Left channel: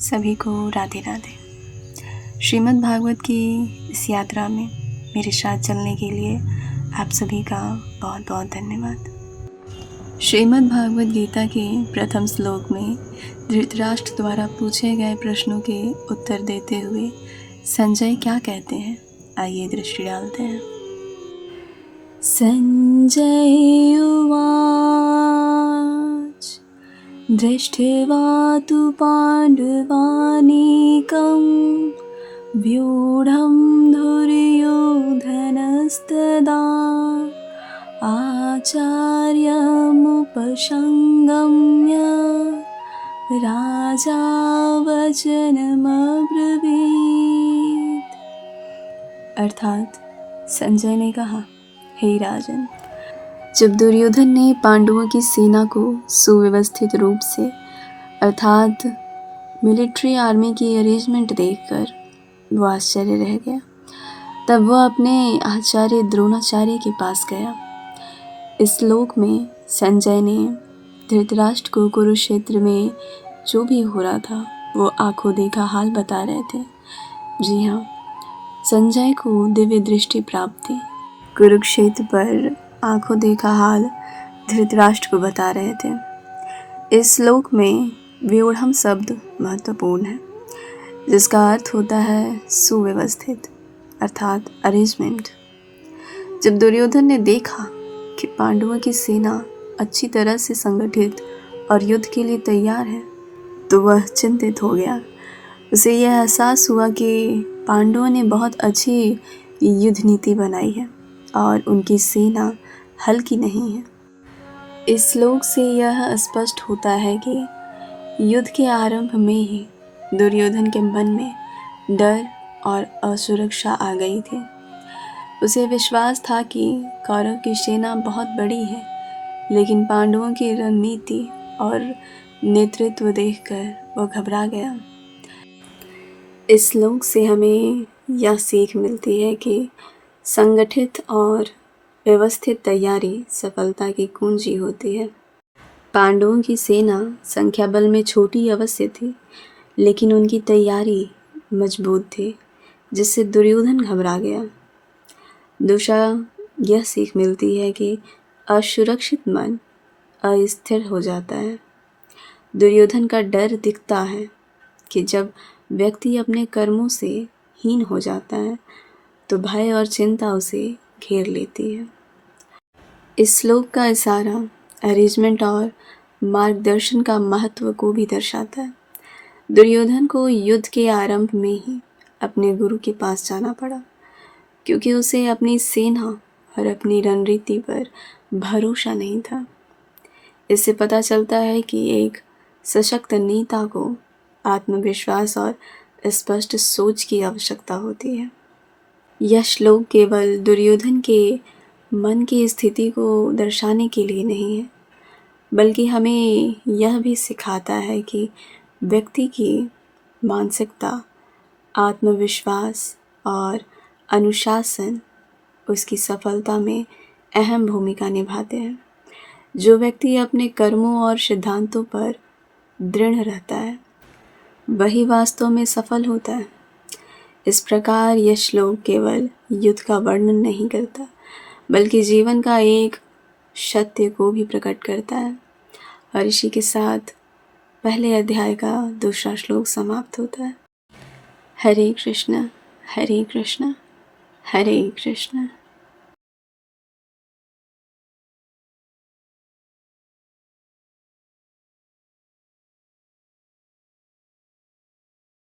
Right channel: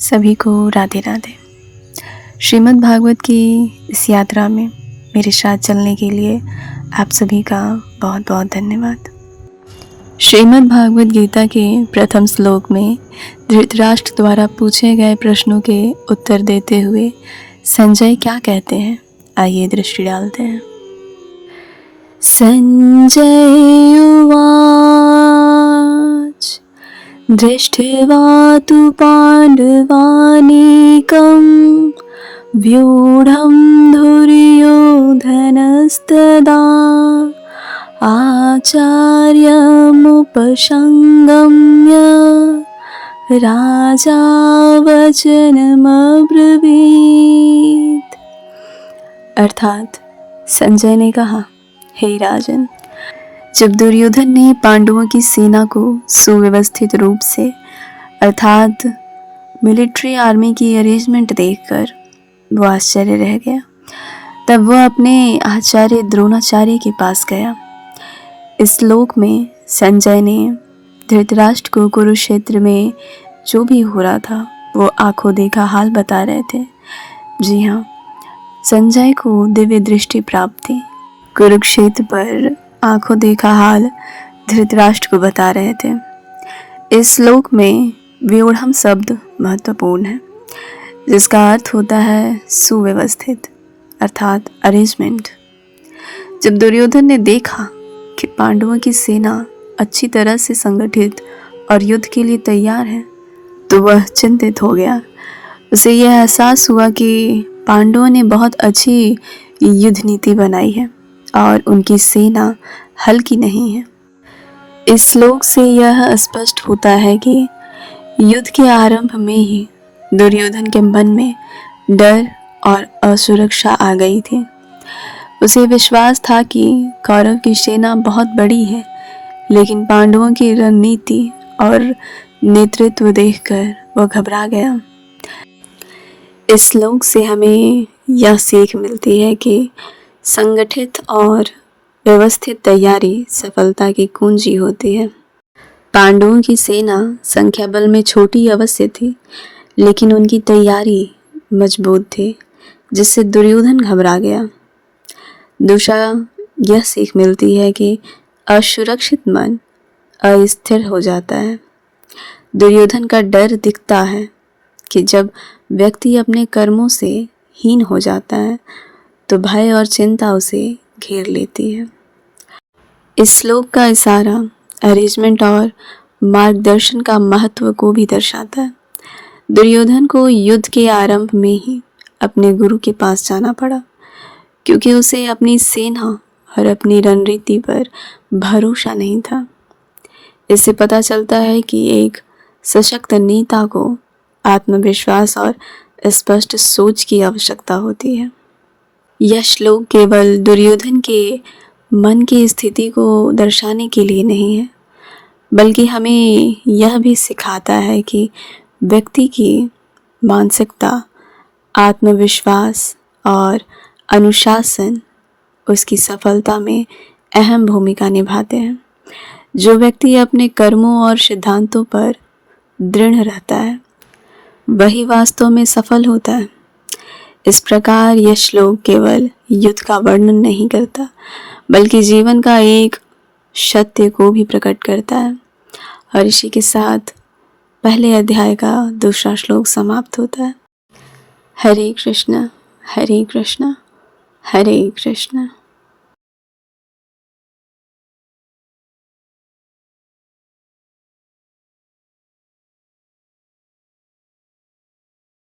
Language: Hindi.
सभी को राधे राधे। श्रीमद् भागवत की इस यात्रा में मेरे साथ चलने के लिए आप सभी का बहुत बहुत धन्यवाद। श्रीमद् भागवत गीता के प्रथम श्लोक में धृतराष्ट्र द्वारा पूछे गए प्रश्नों के उत्तर देते हुए संजय क्या कहते हैं, आइए दृष्टि डालते हैं। संजय उवाच दृष्ट्वा तु पाण्डवानीकं व्यूढं दुर्योधनस्तदा आचार्यमुपसंगम्य राजा वचनमब्रवीत्। अर्थात संजय ने कहा, हे राजन, जब दुर्योधन ने पांडवों की सेना को सुव्यवस्थित रूप से अर्थात मिलिट्री आर्मी की अरेंजमेंट देखकर वो आश्चर्य रह गया, तब वह अपने आचार्य द्रोणाचार्य के पास गया। इस श्लोक में संजय ने धृतराष्ट्र को कुरुक्षेत्र में जो भी हो रहा था वो आंखों देखा हाल बता रहे थे। जी हाँ, संजय को दिव्य दृष्टि प्राप्त थी। कुरुक्षेत्र पर आंखों देखा हाल धृतराष्ट्र को बता रहे थे। इस श्लोक में व्यूढ़म शब्द महत्वपूर्ण है, जिसका अर्थ होता है सुव्यवस्थित अर्थात अरेंजमेंट। जब दुर्योधन ने देखा कि पांडवों की सेना अच्छी तरह से संगठित और युद्ध के लिए तैयार है, तो वह चिंतित हो गया। उसे यह एहसास हुआ कि पांडवों ने बहुत अच्छी युद्ध नीति बनाई है और उनकी सेना हल्की नहीं है। इस श्लोक से यह स्पष्ट होता है कि युद्ध के आरंभ में ही दुर्योधन के मन में डर और असुरक्षा आ गई थी। उसे विश्वास था कि कौरव की सेना बहुत बड़ी है, लेकिन पांडवों की रणनीति और नेतृत्व देखकर वह घबरा गया। इस श्लोक से हमें यह सीख मिलती है कि संगठित और व्यवस्थित तैयारी सफलता की कुंजी होती है। पांडवों की सेना संख्या बल में छोटी अवश्य थी, लेकिन उनकी तैयारी मजबूत थी, जिससे दुर्योधन घबरा गया। दूसरा यह सीख मिलती है कि असुरक्षित मन अस्थिर हो जाता है। दुर्योधन का डर दिखता है कि जब व्यक्ति अपने कर्मों से हीन हो जाता है तो भय और चिंता उसे घेर लेती है। इस श्लोक का इशारा अरेंजमेंट और मार्गदर्शन का महत्व को भी दर्शाता है। दुर्योधन को युद्ध के आरंभ में ही अपने गुरु के पास जाना पड़ा, क्योंकि उसे अपनी सेना और अपनी रणनीति पर भरोसा नहीं था। इससे पता चलता है कि एक सशक्त नेता को आत्मविश्वास और स्पष्ट सोच की आवश्यकता होती है। यह श्लोक केवल दुर्योधन के मन की स्थिति को दर्शाने के लिए नहीं है, बल्कि हमें यह भी सिखाता है कि व्यक्ति की मानसिकता, आत्मविश्वास और अनुशासन उसकी सफलता में अहम भूमिका निभाते हैं। जो व्यक्ति अपने कर्मों और सिद्धांतों पर दृढ़ रहता है, वही वास्तव में सफल होता है। इस प्रकार यह श्लोक केवल युद्ध का वर्णन नहीं करता, बल्कि जीवन का एक सत्य को भी प्रकट करता है। और इसी के साथ पहले अध्याय का दूसरा श्लोक समाप्त होता है। हरे कृष्णा हरे कृष्णा हरे कृष्णा।